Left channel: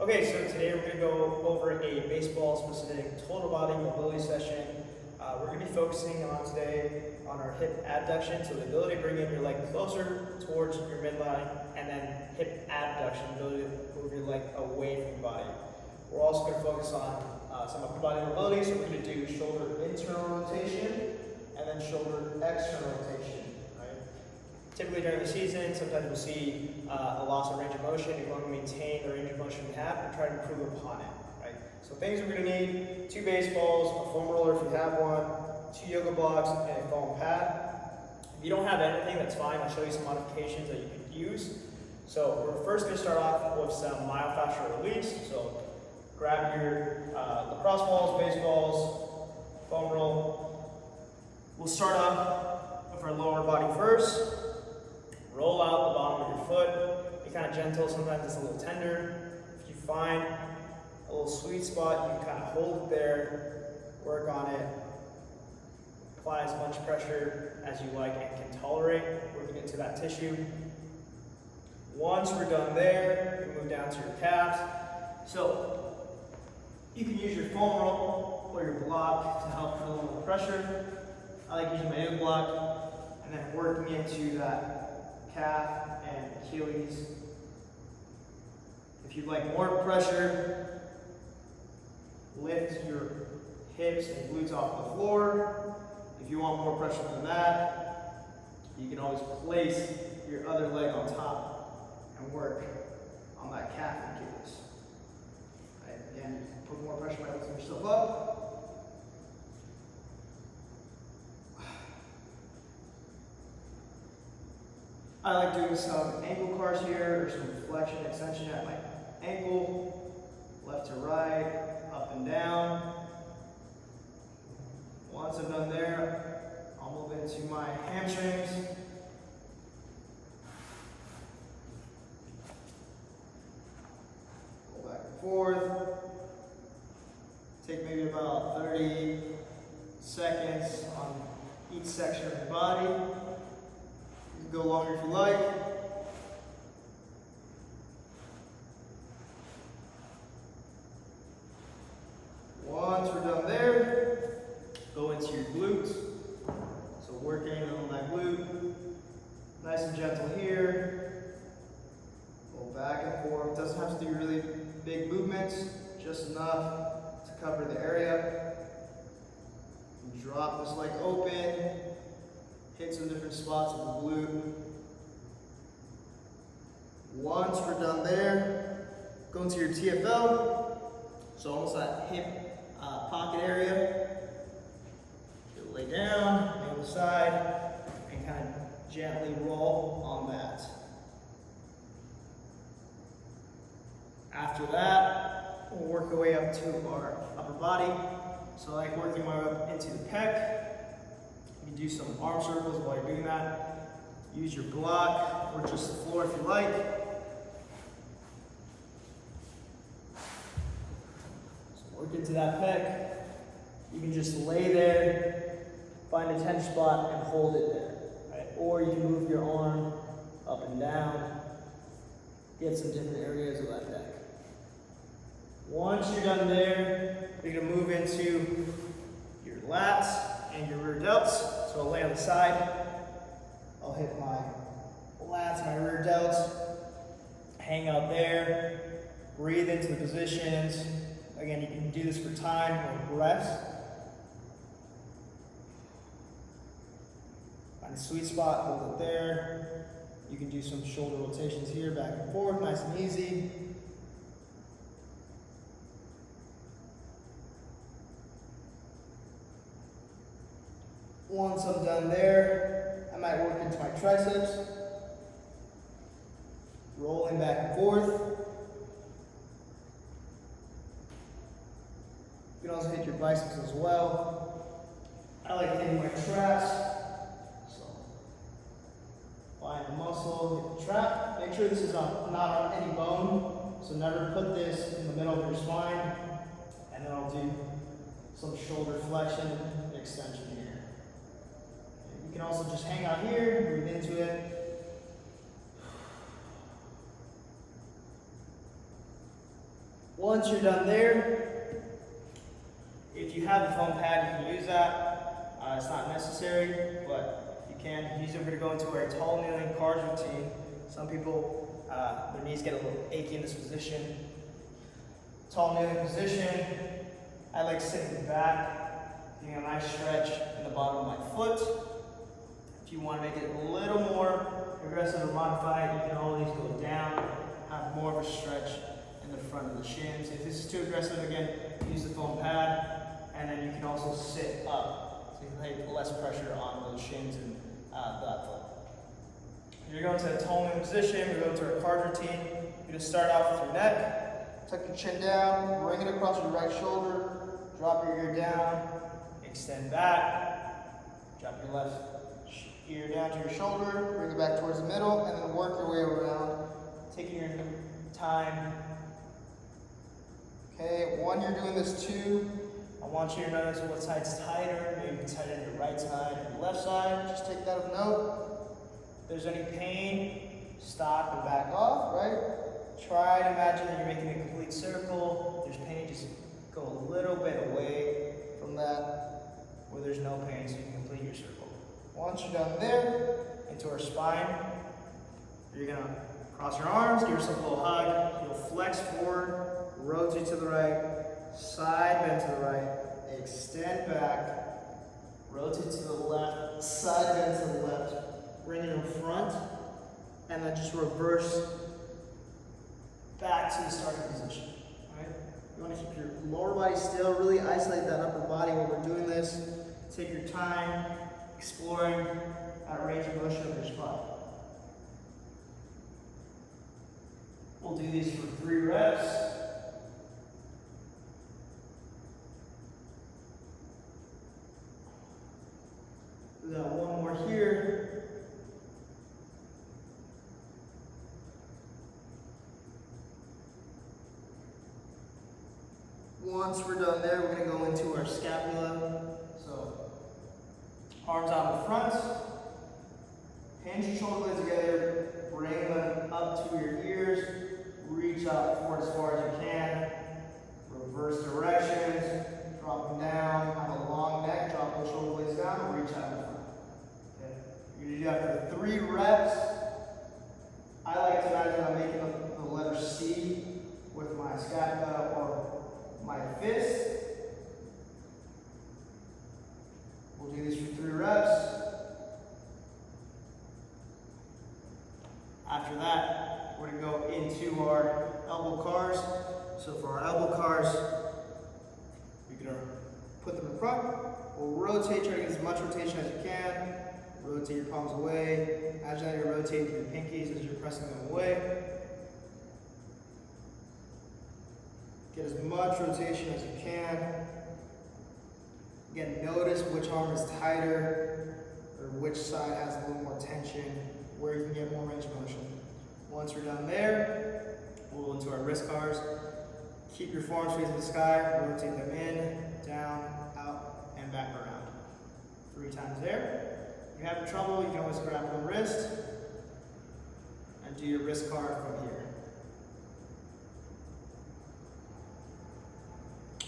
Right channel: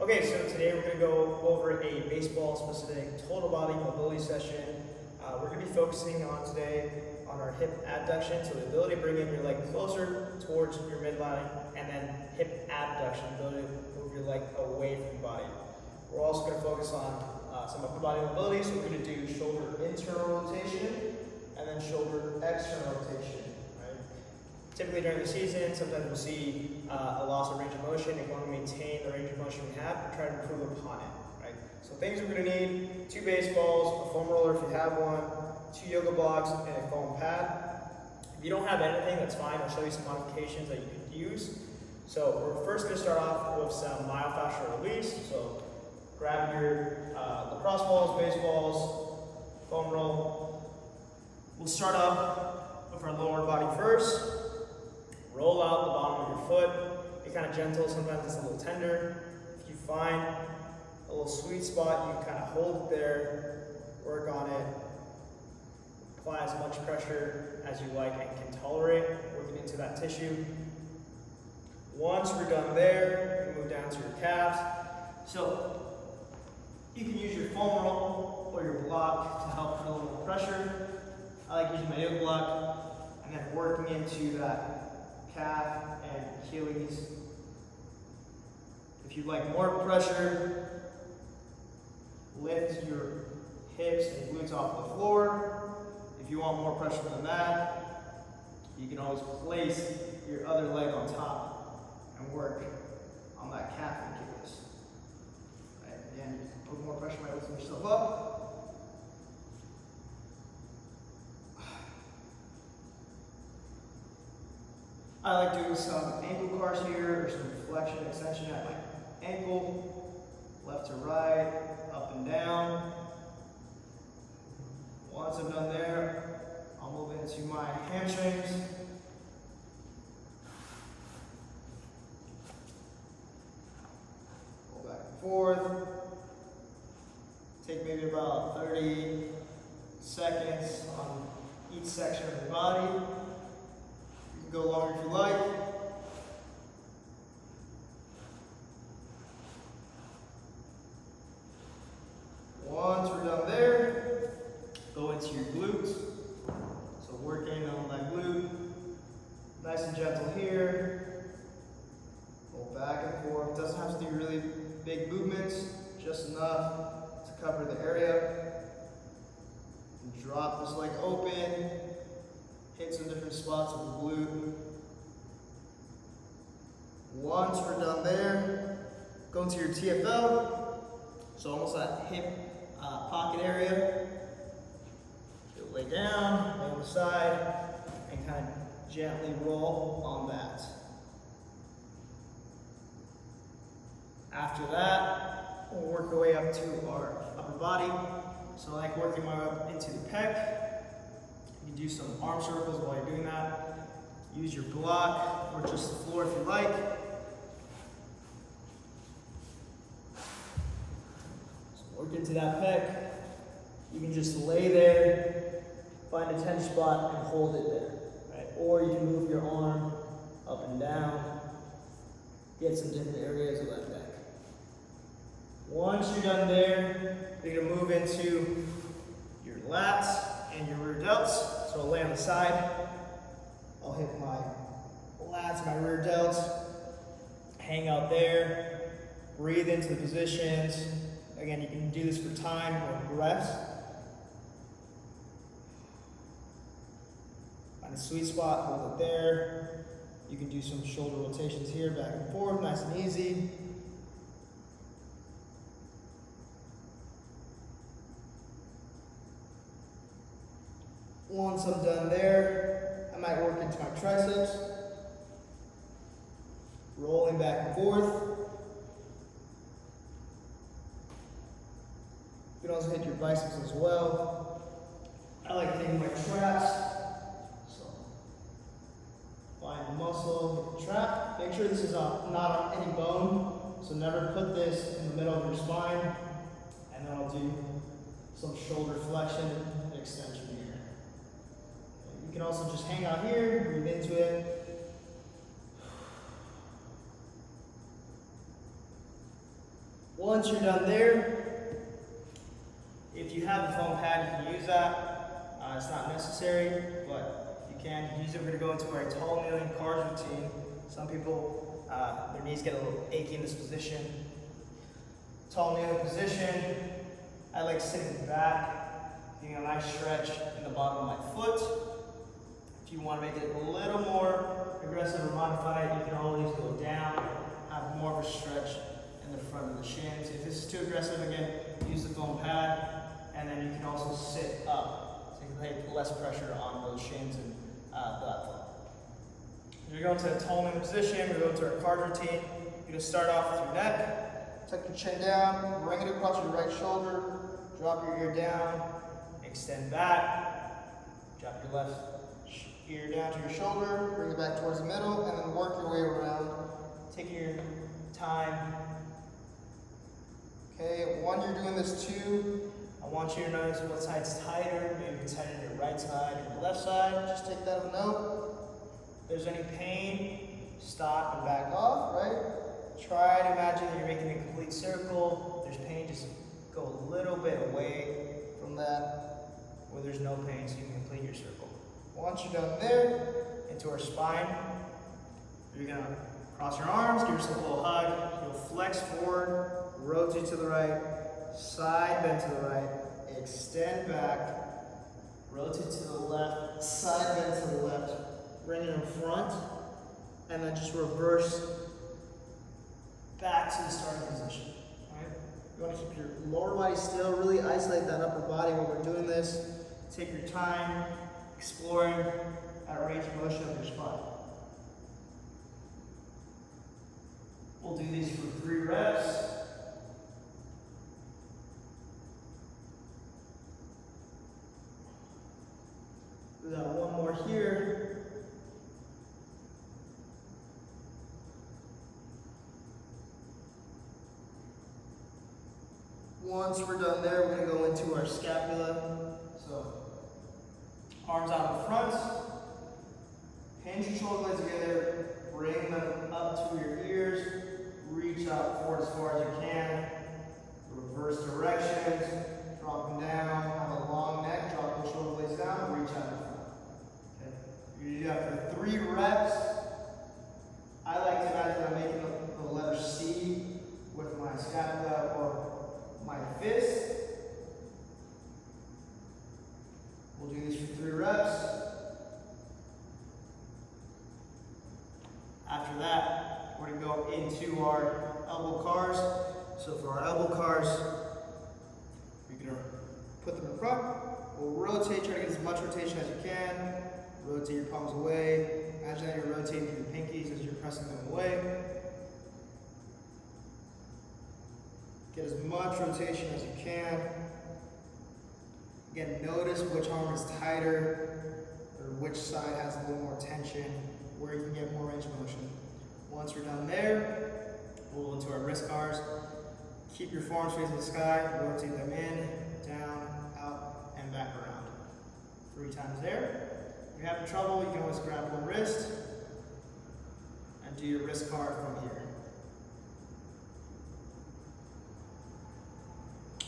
Okay, so today we're going to go over a baseball-specific total body mobility session. We're going to be focusing on today on our hip adduction, so the ability to bring in your leg closer towards your midline, and then hip abduction, the ability to move your leg away from your body. We're also going to focus on some upper body mobility, so we're going to do shoulder internal rotation and then shoulder external rotation. Right? Typically during the season, sometimes we'll see a loss of range of motion. We want to maintain the range of motion we have and try to improve upon it. Right? So things we're going to need: 2 baseballs, a foam roller if you have one, 2 yoga blocks, and a foam pad. If you don't have anything, that's fine. I'll show you some modifications that you could use. So we're first going to start off with some myofascial release. So grab your lacrosse balls, baseballs, foam roll. We'll start off with our lower body first. Roll out the bottom of your foot. Be kind of gentle, sometimes it's a little tender. If you find a little sweet spot, you can kind of hold it there, work on it. Apply as much pressure as you like and can tolerate, working into that tissue. Once we're done there, you can move down to your calves. So you can use your foam roll or your block to help feel a little pressure. I like using my yoga block and then working into that calf and Achilles. If you'd like more pressure, lift your hips and glutes off the floor. If you want more pressure than that, you can always place your other leg on top and work on that calf and Achilles. Right? Again, you can put more pressure by lifting yourself up. I like doing some ankle cars here, or some flexion extension at my ankle, left to right, up and down. Once I'm done there, I'll move into my hamstrings. Go back and forth. Take maybe about 30 seconds on each section of the body. Go longer if you like. Once we're done there, go into your glutes. So working on that glute. Nice and gentle here. Go back and forth. Doesn't have to do really big movements, just enough to cover the area. And drop this leg open. Hit some different spots with the glute. Once we're done there, go into your TFL. So almost that hip pocket area. You'll lay down, lay on the side, and kind of gently roll on that. After that, we'll work our way up to our upper body. So I like working my way up into the pec. You can do some arm circles while you're doing that. Use your block or just the floor if you like. So work into that pec. You can just lay there, find a tense spot and hold it there. Right? Or you can move your arm up and down. Get some different areas of that neck. Once you're done there, you're going to move into your lats and your rear delts. So I'll lay on the side. I'll hit my lats, my rear delts. Hang out there. Breathe into the positions. Again, you can do this for time or breath. Find a sweet spot, hold it there. You can do some shoulder rotations here, back and forth, nice and easy. Once I'm done there, I might work into my triceps. Rolling back and forth. You can also hit your biceps as well. I like hitting my traps. So find a muscle, hit the trap. Make sure this is not on any bone. So never put this in the middle of your spine. And then I'll do some shoulder flexion and extension here. You can also just hang out here, breathe into it. Once you're done there, if you have a foam pad, you can use that. It's not necessary, but if you can use it. We're going to go into our tall kneeling cars routine. Some people, their knees get a little achy in this position. Tall kneeling position. I like sitting back, getting a nice stretch in the bottom of my foot. If you want to make it a little more aggressive or modified, you can always go down, have more of a stretch in the front of the shins. If this is too aggressive, again, use the foam pad, and then you can also sit up, so you can have less pressure on those shins and that foot. You're going to a tall kneeling position, we're going to our card routine. You're going to start off with your neck, tuck your chin down, bring it across your right shoulder, drop your ear down, extend back, drop your left ear down to your shoulder, bring it back towards the middle, and then work your way around, taking your time. Okay, when you're doing this too, I want you to notice what side's tighter. Maybe it's tighter your right side or your left side. Just take that of note. If there's any pain, stop and back off, right? Try to imagine that you're making a complete circle. If there's pain, just go a little bit away from that where there's no pain so you can complete your circle. Once you're done there, into our spine, you're gonna cross your arms, give yourself a little hug. You'll flex forward, rotate to the right, side bend to the right, extend back, rotate to the left, side bend to the left, bring it in front, and then just reverse back to the starting position. Right? You want to keep your lower body still, really isolate that upper body while we're doing this. Take your time, exploring that range of motion of your spine. We'll do these for 3 reps. We got one more here. Once we're done there, we're going to go into our scapula. So, arms out in front, hinge your shoulder blades together, bring them up to your ears, reach out forward as far as you can, reverse directions, drop them down, have a long neck, drop those shoulder blades down, and reach out in front. Okay. You do that for 3 reps. I like to imagine I'm making the letter C with my scapula or my fist. We'll do these for 3 reps. After that, we're going to go into our elbow cars. So for our elbow cars, you're going to put them in front. We'll rotate, try to get as much rotation as you can. Rotate your palms away. Imagine that you're rotating your pinkies as you're pressing them away. Get as much rotation as you can. Again, notice which arm is tighter or which side has a little more tension, where you can get more range of motion. Once we're done there, we'll go into our wrist cars. Keep your forearms facing the sky, rotate them in, down, out, and back around. 3 times there. If you're having trouble, you can always grab one wrist and do your wrist car from here.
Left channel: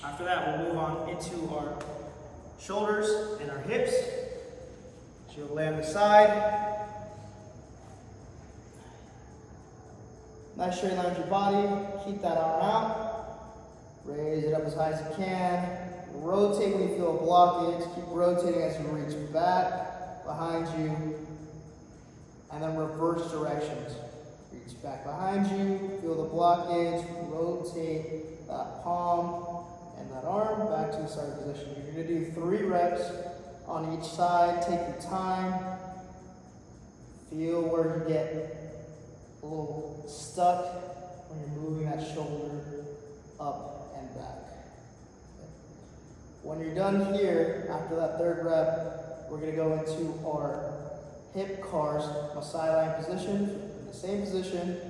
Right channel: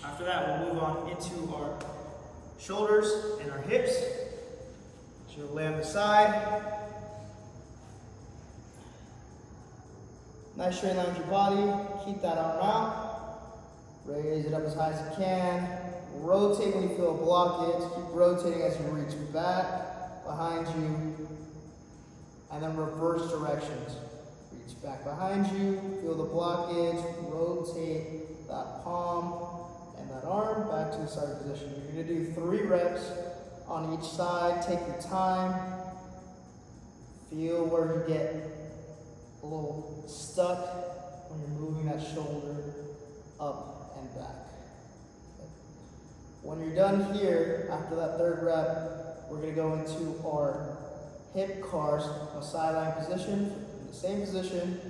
After that, we'll move on into our shoulders and our hips. So you'll lay on the side. Nice straight line with your body. Keep that arm out. Raise it up as high as you can. Rotate when you feel a blockage. Keep rotating as you reach back behind you. And then reverse directions. Reach back behind you. Feel the blockage. Rotate that palm and that arm back to the starting position. You're going to do 3 reps on each side. Take your time. Feel where you get a little stuck when you're moving that shoulder up and back. Okay. When you're done here, after that 3rd rep, we're going to go into our hip cars, a sideline position, in the same position,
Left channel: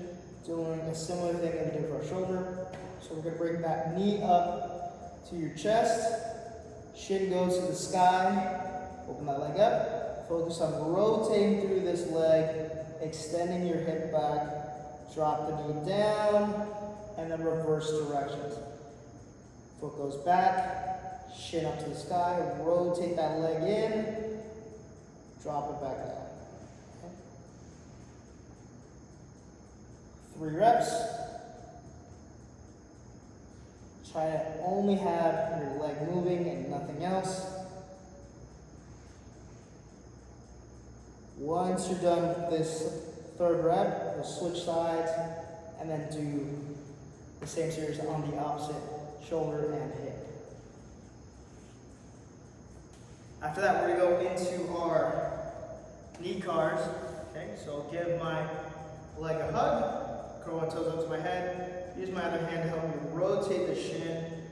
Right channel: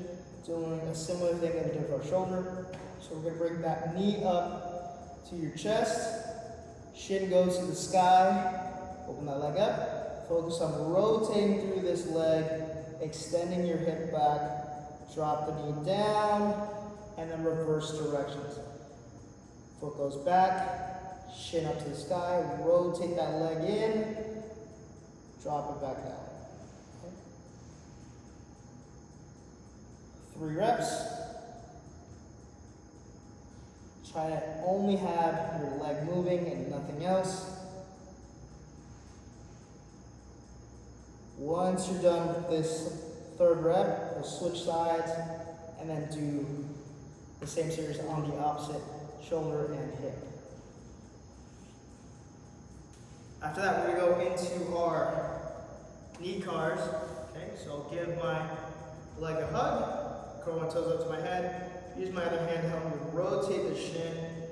doing a similar thing that we did for our shoulder. So we're going to bring that knee up to your chest, shin goes to the sky, open that leg up, focus on rotating through this leg, extending your hip back, drop the knee down, and then reverse directions. Foot goes back, shin up to the sky, rotate that leg in, drop it back down. Okay. 3 reps. Try to only have your leg moving and nothing else. Once you're done with this 3rd rep, we'll switch sides and then do the same series on the opposite shoulder and hip. After that, we're going to go into our knee cars. Okay, so give my leg a hug, curl my toes up to my head, use my other hand to help me rotate the shin,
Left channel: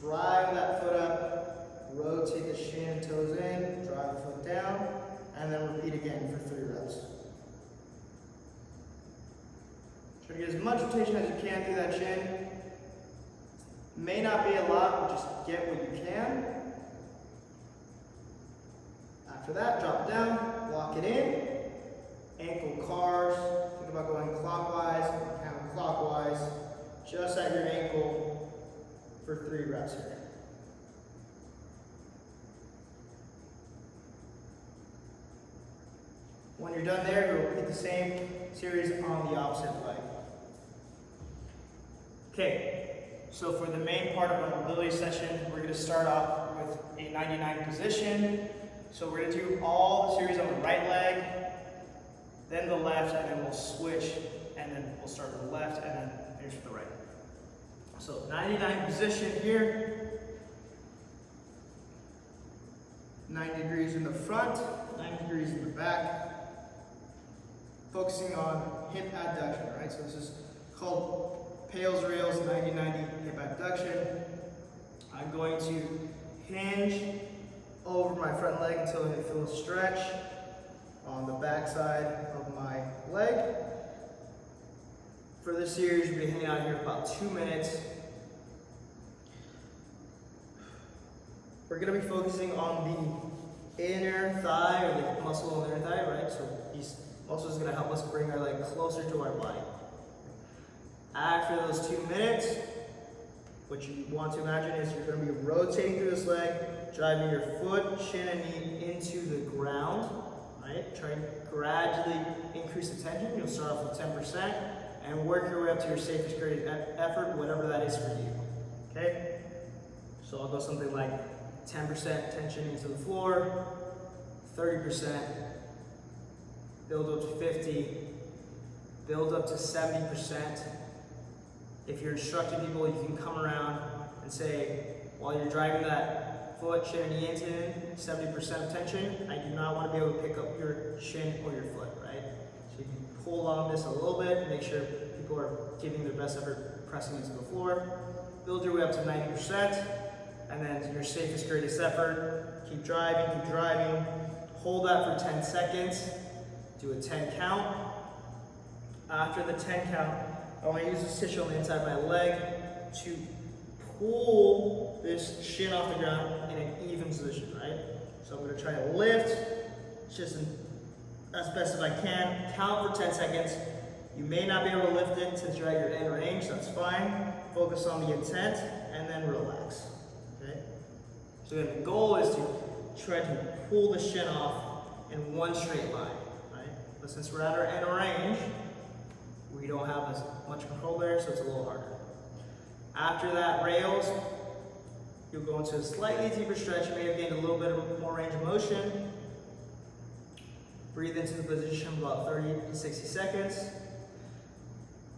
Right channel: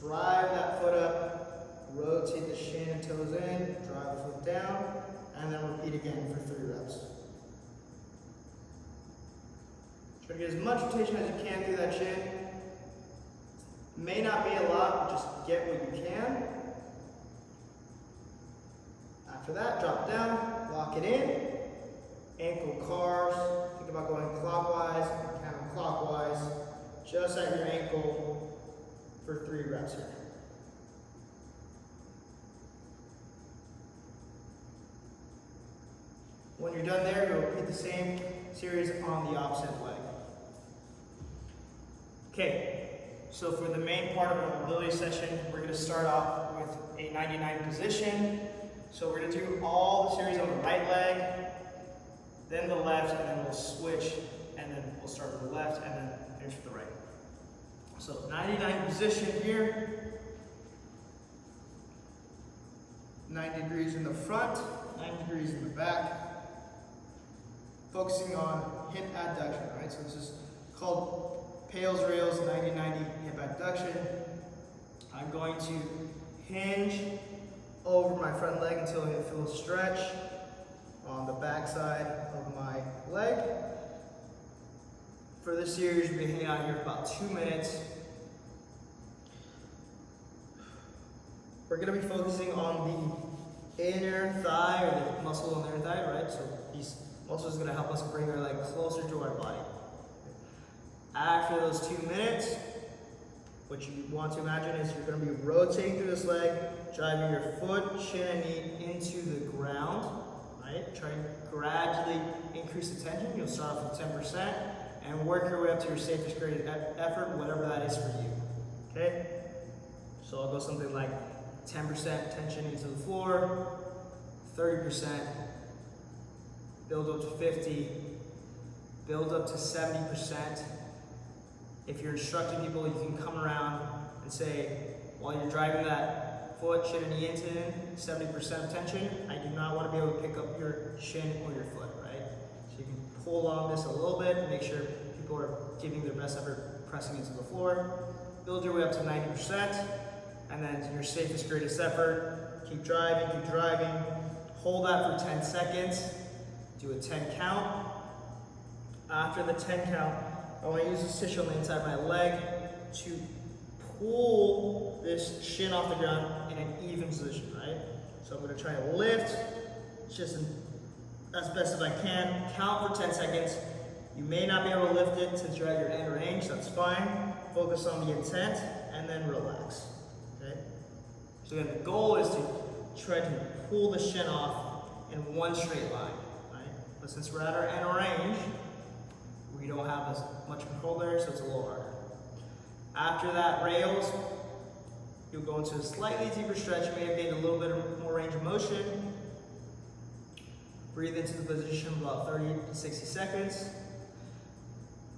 drive that foot up, rotate the shin and toes in, drive the foot down, and then repeat again for 3 reps. Try to get as much rotation as you can through that shin. May not be a lot, but just get what you can. After that, drop it down, lock it in. Ankle cars, think about going clockwise and counterclockwise, just at your ankle for 3 reps here. When you're done there, you'll repeat the same series on the opposite leg. Okay, so for the main part of our mobility session, we're going to start off with a 99 position. So we're going to do all the series on the right leg, then the left, and then we'll switch, and then we'll start with the left, and then finish with the right. So 99 position here. 90 degrees in the front, 90 degrees in the back. Focusing on hip adduction, right? So this is called PAILs rails 90-90 hip adduction. I'm going to hinge over my front leg until I feel a stretch on the back side of my leg. For this series, we'll be hanging out here for about 2 minutes. We're going to be focusing on the inner thigh, or the muscle on the inner thigh, right? So these muscles is going to help us bring our leg closer to our body. After those 2 minutes, what you want to imagine is you're going to be rotating through this leg, driving your foot, shin, and knee into the ground, right? Try to gradually increase the tension. You'll start off with 10% and work your way up to your safest graded effort, whatever that is for you, okay? So I'll go something like 10% tension into the floor, 30%, build up to 50, build up to 70%. If you're instructing people, you can come around and say, while you're driving that foot, shin, and knee into 70% of tension, I do not want to be able to pick up your shin or your foot, right? So you can pull on this a little bit, make sure people are giving their best effort pressing into the floor. Build your way up to 90%, and then your safest, greatest effort. Keep driving, hold that for 10 seconds. Do a 10 count. After the 10 count, I want to use this tissue on the inside of my leg to pull this shin off the ground in an even position, right? So I'm going to try to lift just as best as I can. Count for 10 seconds. You may not be able to lift it since you're at your end range, that's fine. Focus on the intent and then relax, okay? So again, the goal is to try to pull the shin off in one straight line, right? But since we're at our end range, we don't have as much control there, so it's a little harder. After that rails, you'll go into a slightly deeper stretch. You may have gained a little bit more range of motion. Breathe into the position for about 30 to 60 seconds.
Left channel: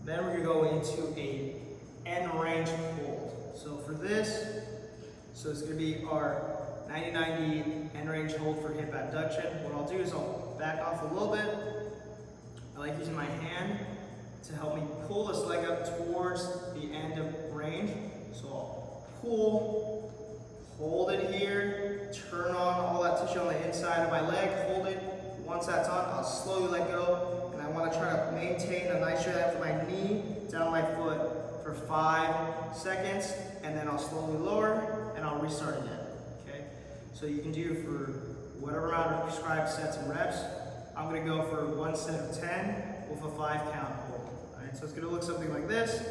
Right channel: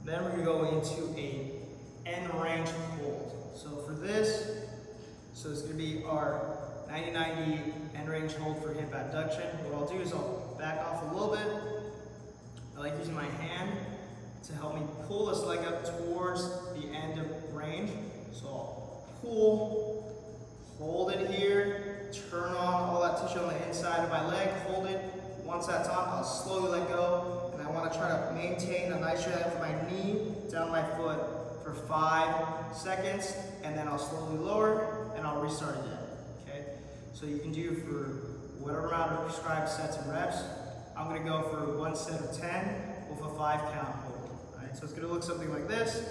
Then we're gonna go into a end range hold. So for this, it's gonna be our 90-90 end range hold for hip adduction. What I'll do is I'll back off a little bit. I like using my hand to help me pull this leg up towards the end of range. So I'll pull, hold it here, turn on all that tissue on the inside of my leg, hold it. Once that's on, I'll slowly let go, and I want to try to maintain a nice straight line from my knee down my foot for 5 seconds, and then I'll slowly lower, and I'll restart again, okay? So you can do for whatever amount of prescribed sets and reps. I'm going to go for 1 set of 10 with a 5 count hold. So it's going to look something like this.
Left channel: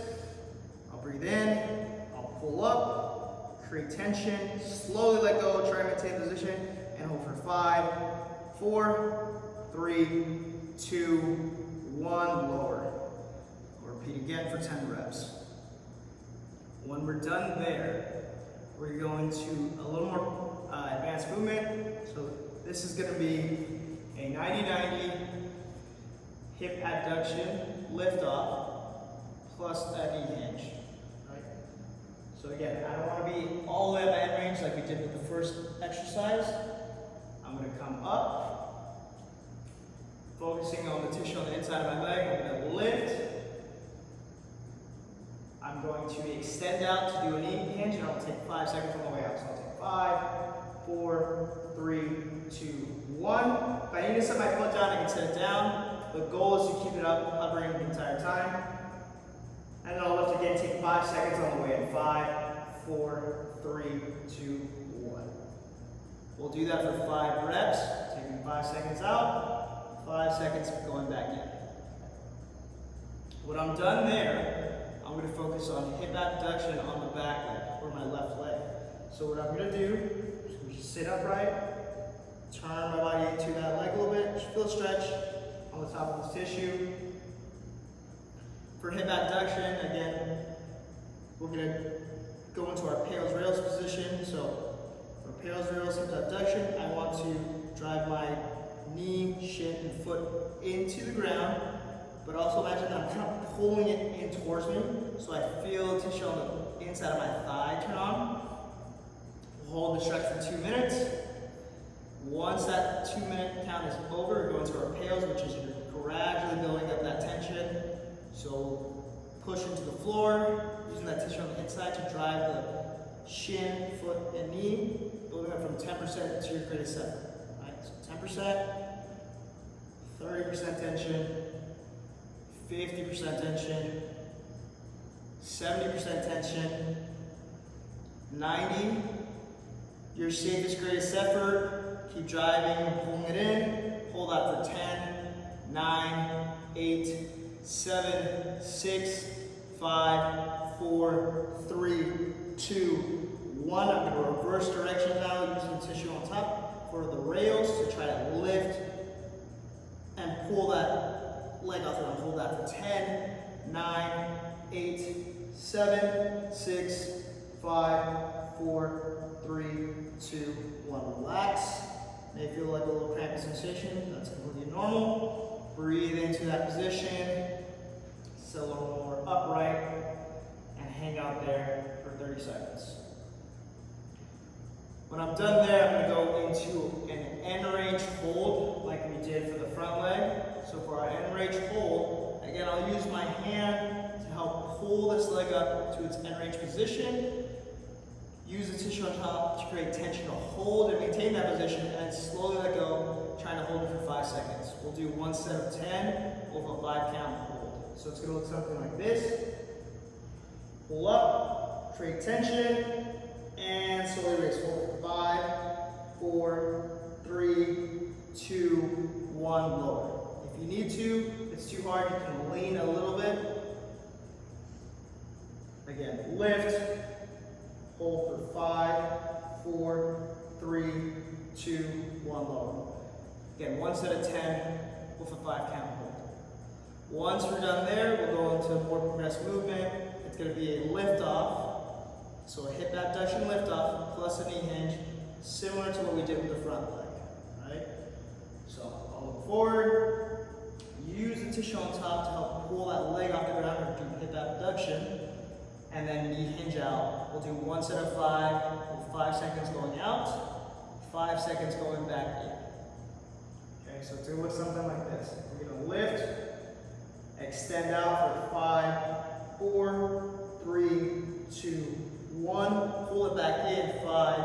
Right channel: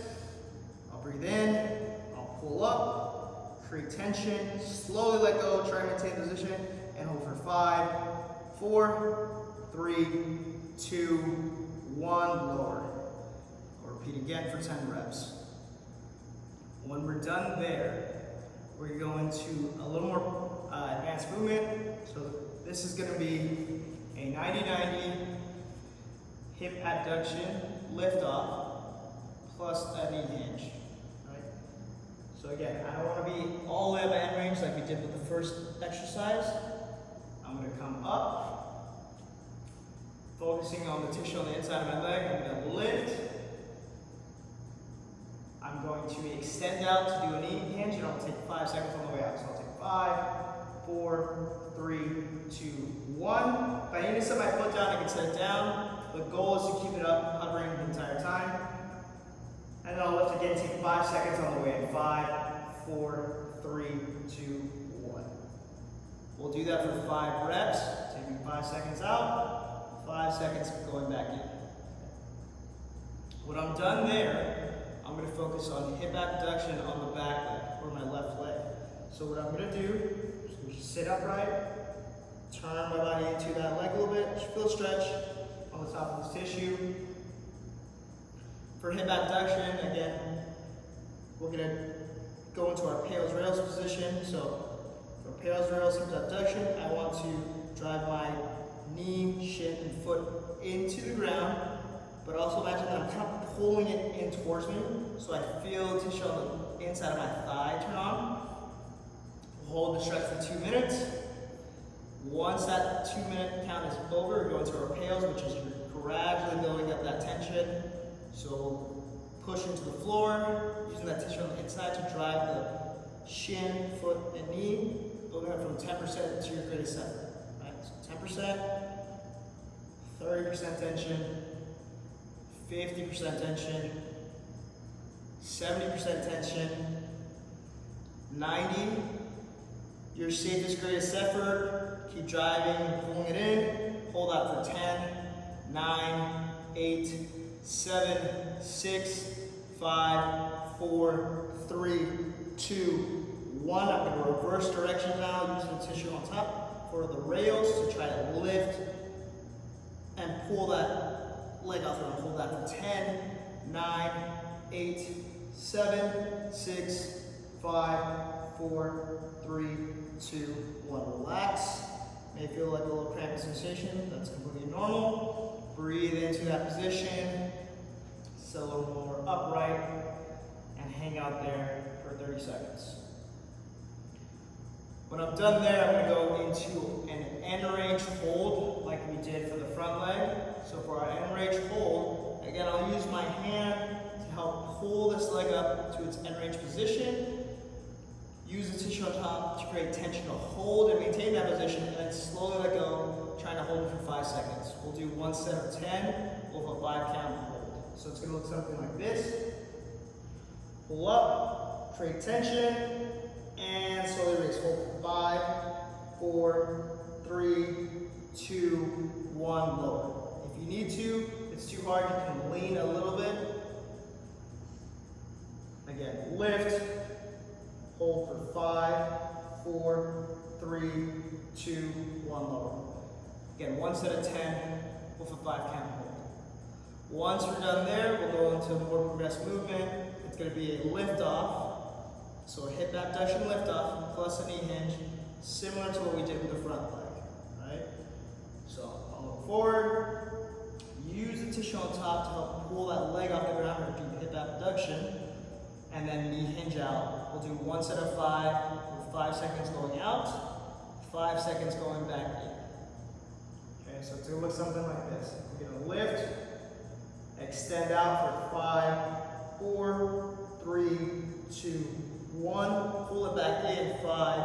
create tension, slowly let go, try and maintain position, and hold for 5, 4, 3, 2, 1, lower. We'll repeat again for 10 reps. When we're done there, we're going to a little more advanced movement. So this is going to be a 90-90 hip adduction, lift off, plus a knee hinge. Right? So again, I don't want to be all the way up at end range like we did with the first exercise. I'm going to come up, focusing on the tissue on the inside of my leg. I'm going to lift. I'm going to extend out to do a knee hinge, and I'll take 5 seconds on the way out. So I'll take 5, 4, 3, 2, 1. If I need to set my foot down, I can set it down. The goal is to keep it up, hovering the entire time. And then I'll lift again, take 5 seconds on the way. 5, 4, 3, 2, 1. We'll do that for 5 reps, taking 5 seconds out, 5 seconds going back in. When I'm done there, I'm going to focus on hip abduction on the back leg, or my left leg. So what I'm going to do is just sit upright, turn my body into that leg a little bit, just feel a stretch on the top of this tissue. For hip abduction, again, we're going to go into our PAILs rails position. So for PAILs rails hip abduction, I want to drive my knee, shin, and foot into the ground, but also imagine that I'm kind of pulling it in towards me, so I feel the tissue on the inside of my thigh turn on. We'll hold the stretch for 2 minutes. Once that 2-minute count is over, we go into our PAILs, which is gradually building up that tension. So we'll push into the floor, using that tissue on the inside to drive the shin, foot, and knee, building up from 10% to your greatest effort. Right? So 10%, 30% tension, 50% tension, 70% tension, 90, your safest, greatest effort. Keep driving and pulling it in. Hold that for 10, 9, 8, 7, 6, 5, 4, 3, 2, 1. I'm going to reverse direction now using the tissue on top for the rails to try to lift and pull that leg off there. I'll hold that for 10, 9, 8, 7, 6, 5, 4, 3, 2, 1. Relax. May feel like a little crampy sensation. That's completely normal. Breathe into that position. Sit a little more upright and hang out there for 30 seconds. When I'm done there, I'm going to go into an end range hold like we did for the front leg. So for our end range hold, again, I'll use my hand to help pull this leg up to its end range position. Use the tissue on top to create tension to hold and maintain that position, and then slowly let go, trying to hold it for 5 seconds. We'll do 1 set of 10 with a 5-count hold. So it's going to look something like this. Pull up, create tension, and slowly release. Hold for 5, 4, 3, 2, 1, lower. If you need to, if it's too hard, you can lean a little bit. Again, lift, hold for 5, 4, 3, 2, 1, lower. Again, 1 set of 10 with a 5-count hold. Once we're done there, we'll go into a more progressive movement. It's going to be a lift off. So a hip abduction lift off plus a knee hinge, similar to what we did with the front leg. Right? So I'll look forward, use the tissue on top to help pull that leg off the ground or do hip abduction, and then knee hinge out. We'll do 1 set of 5 with 5 seconds going out, 5 seconds going back in. Okay, so it's going to look something like this. We're going to lift, extend out for 5, 4, 3, 2, 1. Pull it back in. 5,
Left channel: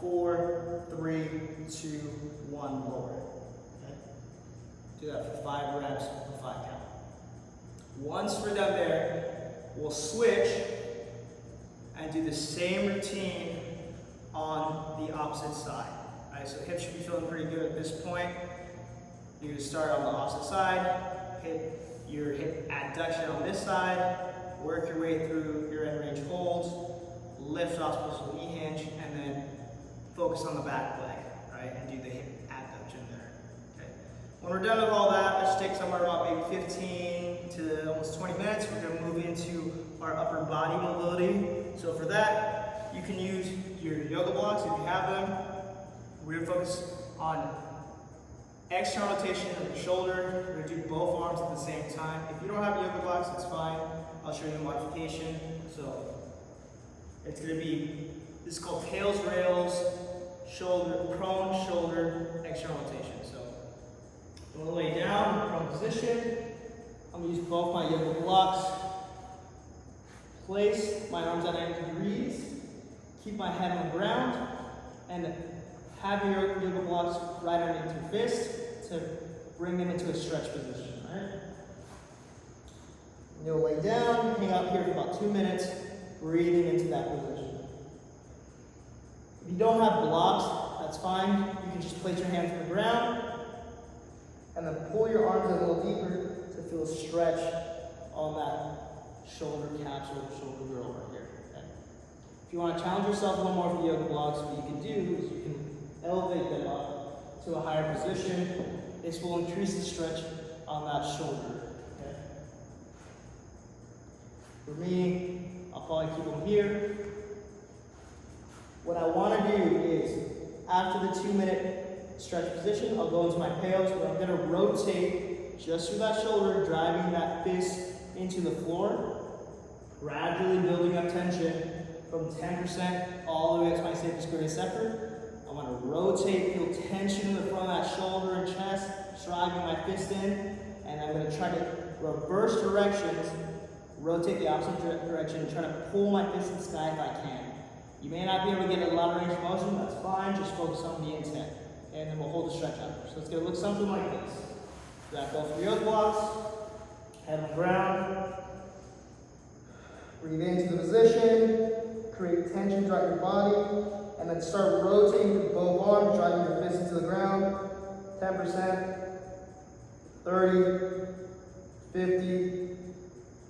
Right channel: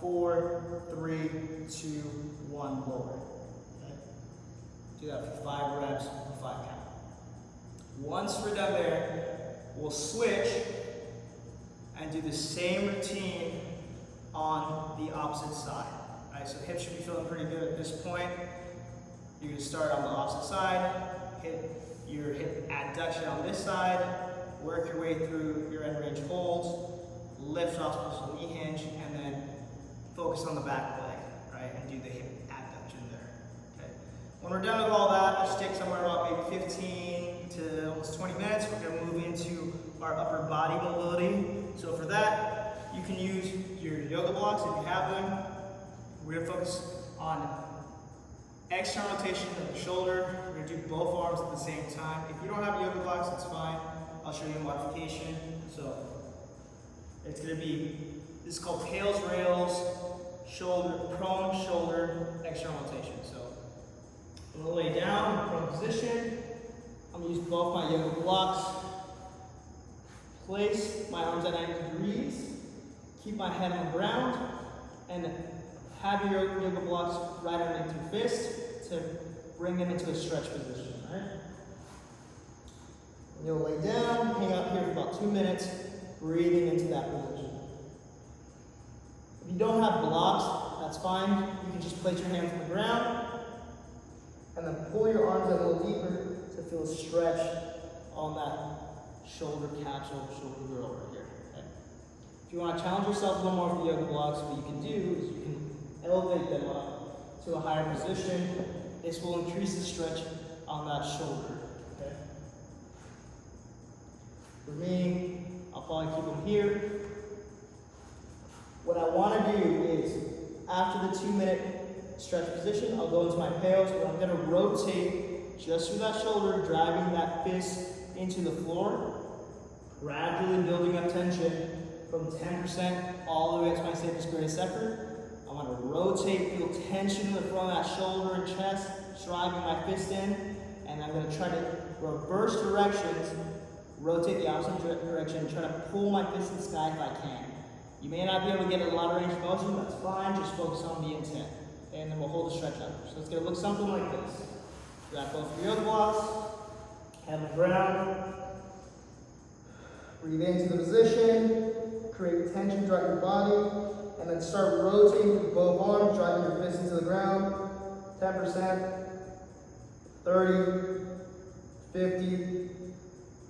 4, 3, 2, 1. Lower. Okay? Do that for 5 reps with a 5-count. Once we're done there, we'll switch and do the same routine on the opposite side. All right, so hips should be feeling pretty good at this point. You can start on the opposite side, hit your hip adduction on this side, work your way through your end range holds, lift off with a knee focus on the back leg, right, and do the hip abduction there. Okay. When we're done with all that, let's take somewhere about maybe 15 to almost 20 minutes. We're going to move into our upper body mobility. So for that, you can use your yoga blocks if you have them. We're going to focus on external rotation of the shoulder. We're going to do both arms at the same time. If you don't have yoga blocks, that's fine. I'll show you a modification. So it's going to be, this is called PAILs rails, shoulder, prone shoulder, external rotation. So I'm going to lay down, prone position. I'm going to use both my yoga blocks. Place my arms at 90 degrees. Keep my head on the ground. And have your yoga blocks right underneath your fist to bring them into a stretch position, right? And you'll lay down, hang out here for about 2 minutes, breathing into that position. If you don't have blocks, that's fine. You can just place your hands on the ground and then pull your arms in a little deeper to feel a stretch on that shoulder capsule, shoulder girdle right here. Okay? If you want to challenge yourself a little more with the yoga blocks, what you can do is you can elevate them up to a higher position. This will increase the stretch on that shoulder. Okay? For me, I'll probably keep them here. What I want to do is, after the 2-minute stretch position, I'll go into my PAILs where I'm going to rotate just through that shoulder, driving that fist into the floor, gradually building up tension from 10% all the way up to my safest, greatest effort. I'm going to rotate, feel tension in the front of that shoulder and chest, driving my fist in, and I'm going to try to reverse directions, rotate the opposite direction, and try to pull my fist in the sky if I can. You may not be able to get a lot of range of motion, that's fine, just focus on the intent. And then we'll hold the stretch out. So it's going to look something like this. Grab both of your yoga blocks, head on the ground, breathe into the position, create tension throughout your body, and then start rotating with both arms, driving your fist into the ground. 10%, 30, 50,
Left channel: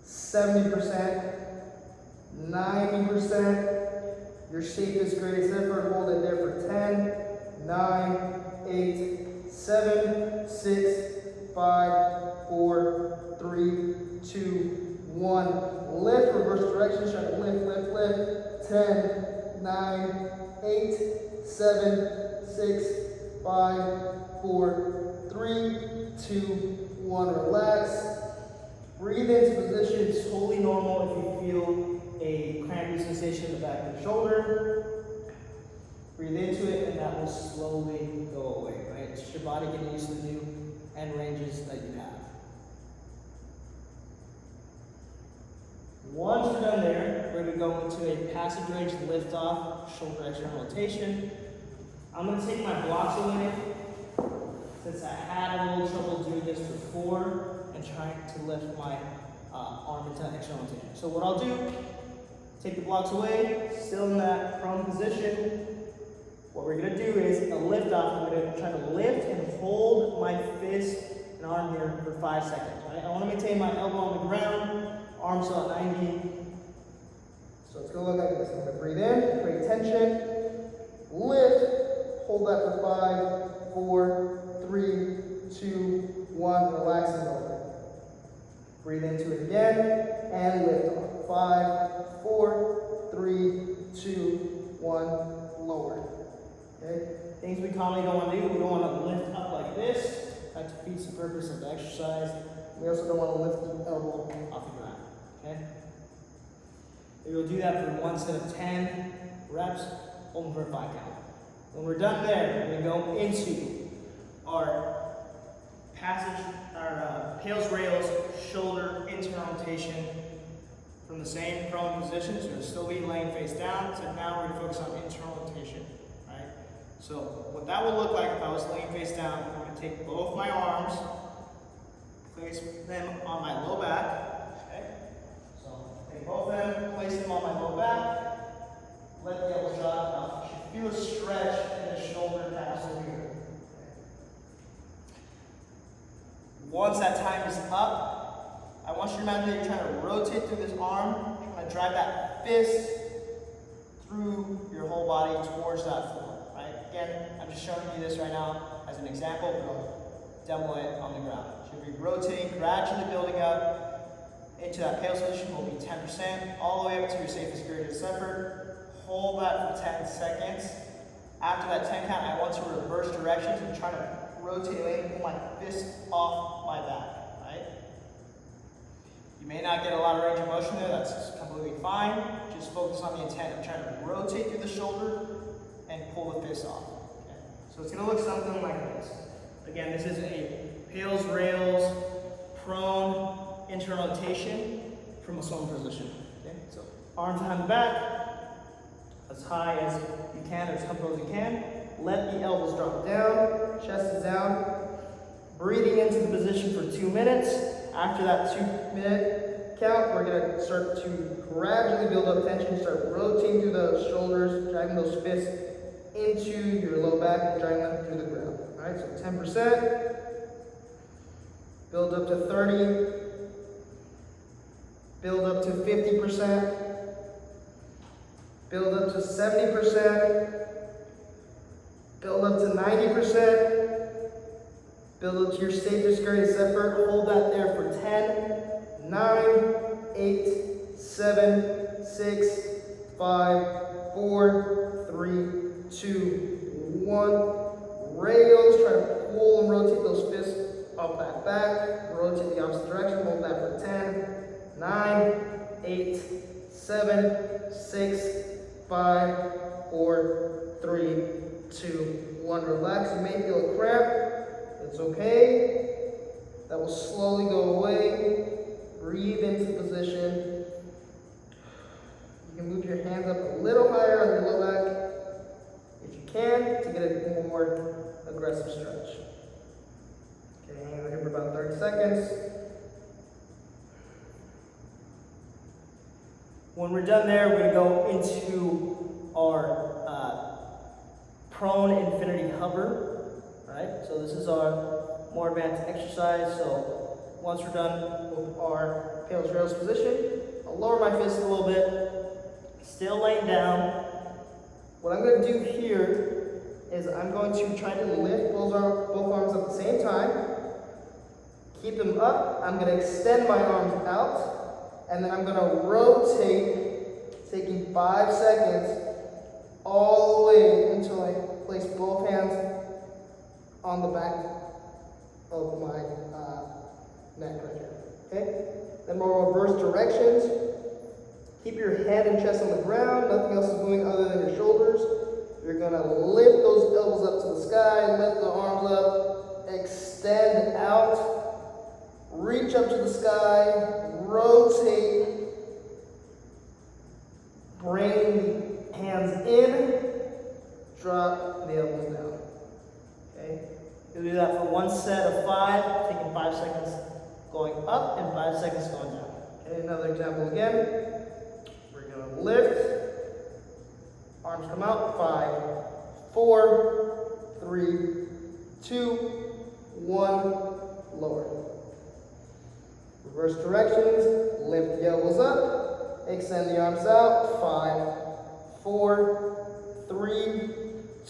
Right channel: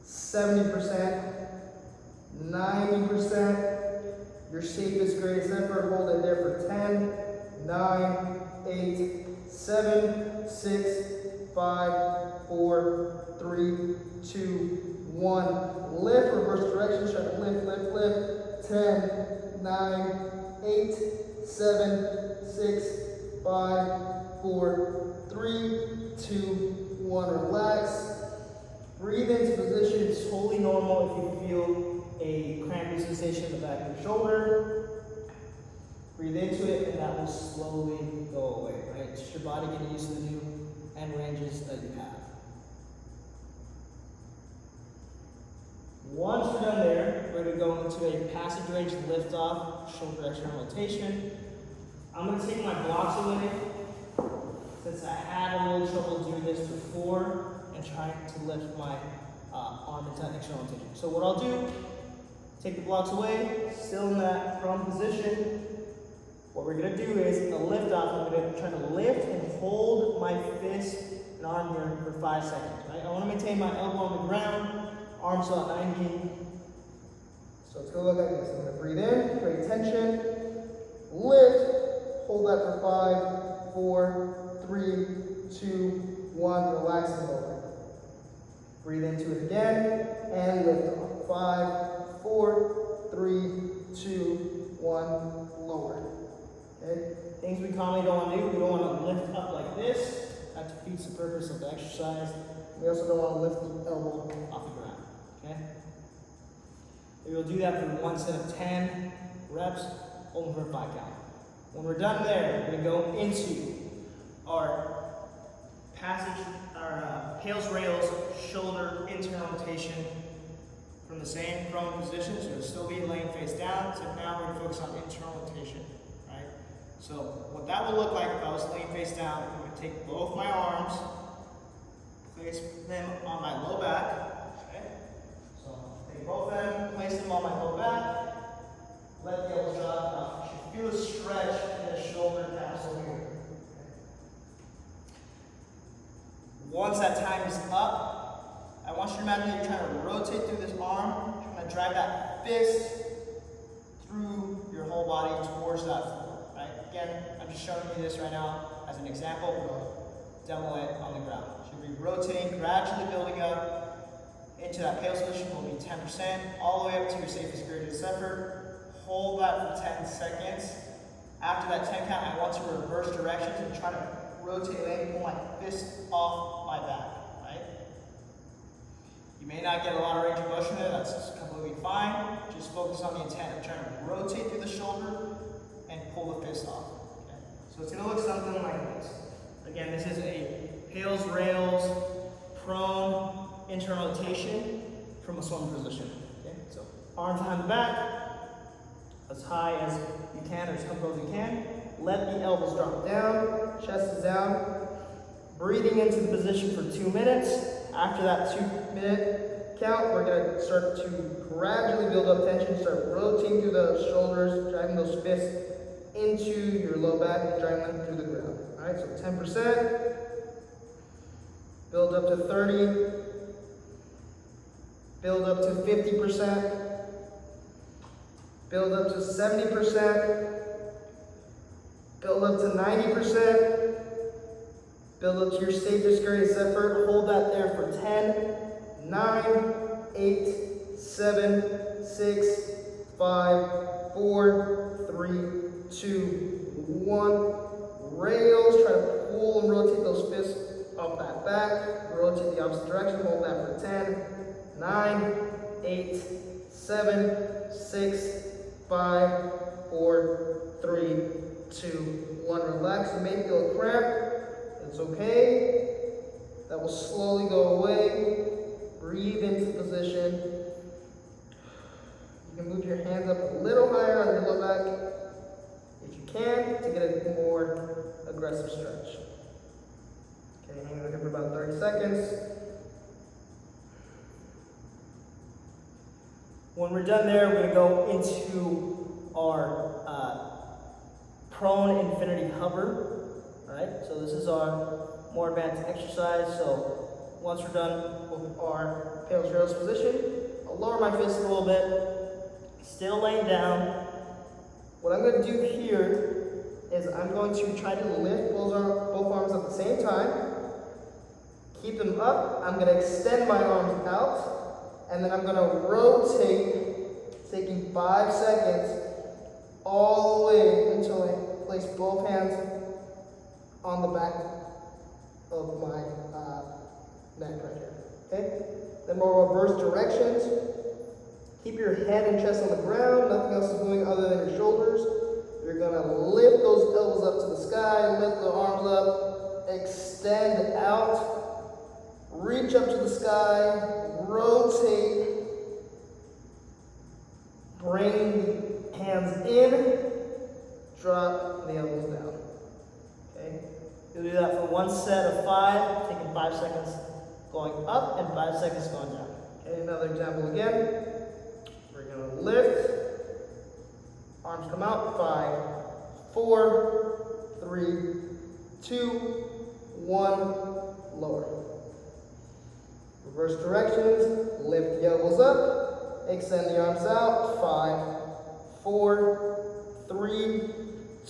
70%, 90%. Your safest, greatest effort, hold it there for 10, 9, 8, 7, 6, 5, 4, 3, 2, 1. Lift, reverse direction, try to lift, lift, lift. 10, 9, 8, 7, 6, 5, 4, 3, 2, 1. Relax. Breathe into position. It's totally normal if you feel a cramping sensation in the back of the shoulder. Breathe into it, and that will slowly go away, right? It's just your body getting used to the new end ranges that you have. Once we're done there, we're going to go into a passage range lift off, shoulder external rotation. I'm going to take my blocks away, since I had a little trouble doing this before and trying to lift my arm into external rotation. So what I'll do, take the blocks away, still in that prone position. What we're going to do is a lift off. I'm going to try to lift and hold my fist and arm here for 5 seconds, right? I want to maintain my elbow on the ground, arms out 90. So it's going to look like this. I'm going to breathe in, create tension, lift, hold that for 5, 4, 3, 2, 1, relax and open. Breathe into it again, and lift off. 5, 4, 3, 2, 1, lower. Okay? Things we commonly don't want to do, we don't want to lift up like this. That defeats the purpose of the exercise. We also don't want to lift the elbow off the ground. Okay? We'll do that for one set of 10 reps, hold them for a 5 count. When we're done there, we're going to go into our passage, our PAILs rails, shoulder internal rotation from the same prone position. So we'll still be laying face down. So now we're going to focus on internal rotation. Right? So what that would look like if I was laying face down, I'm going to take both my arms, place them on my low back. Okay? So take both of them, place them on my low back, let the elbows drop out. You should feel a stretch in the shoulder capsule here. Once that time is up, I want you to imagine that you're trying to rotate through this arm, trying to drive that fist through your whole body towards that floor, right? Again, I'm just showing you this right now as an example, but we'll demo it on the ground. So you'll be rotating, gradually building up into that PAILs position. Will be 10%, all the way up to your safest period of effort. Hold that for 10 seconds. After that 10 count, I want to reverse directions and try to rotate away and pull my fist off my back, right? You may not get a lot of range of motion there, that's completely fine. Just focus on the intent of trying to rotate through the shoulder and pull the fist off. Okay? So it's gonna look something like this. Again, this is a PAILs rails prone internal rotation from a swim position. Okay? So arms behind the back, as high as you can, or as comfortable as you can. Let the elbows drop down, chest is down. Breathing into the position for 2 minutes. After that 2-minute count, we're gonna start to gradually build up tension, start rotating through those shoulders, driving those fists into your low back, driving them through the ground. All right, so 10%, build up to 30, build up to 50%, build up to 70%, build up to 90%, build up to your safest greatest effort. Hold that there for 10, 9, 8, 7, 6, 5, 4, 3, 2, 1. Rails, try to pull and rotate those fists up that back. Rotate the opposite direction, hold that for 10, 9, 8, 7, 6, 5, 4, 3, 2, 1. Relax. You may feel a cramp. It's okay. That will slowly go away. Breathe into position. You can move your hands up a little higher on your low back if you can to get a more aggressive stretch. Okay, hang on here for about 30 seconds. When we're done there, we're going to go into our prone infinity hover, right? So this is our more advanced exercise. So once we're done with our PAILs rails position, I'll lower my fist a little bit, still laying down. What I'm going to do here is I'm going to try to lift both arms at the same time, keep them up. I'm going to extend my arms out, and then I'm going to rotate, taking 5 seconds all the way until I place both hands on the back of my neck right here. Okay? Then we'll reverse directions. Keep your head and chest on the ground. Nothing else is moving other than your shoulders. You're going to lift those elbows up to the sky, lift the arms up, extend out, reach up to the sky, rotate, bring the hands in, drop the elbows down. Okay? You'll do that for one set of 5, taking 5 seconds going up and 5 seconds going down. Okay, another example again. We're going to lift, arms come out, 5, 4, 3, 2, 1, lower. Reverse directions, lift the elbows up, extend the arms out, 5, 4, 3,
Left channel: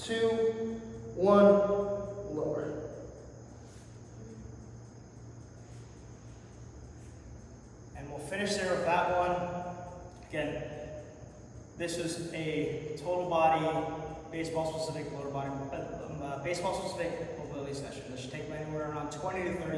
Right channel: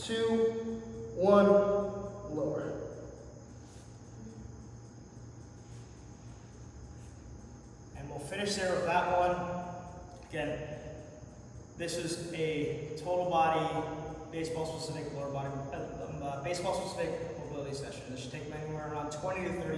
2, 1, lower. And we'll finish there with that one. Again, this is a total body, baseball specific lower body, baseball specific mobility session. This should take anywhere around 20 to 30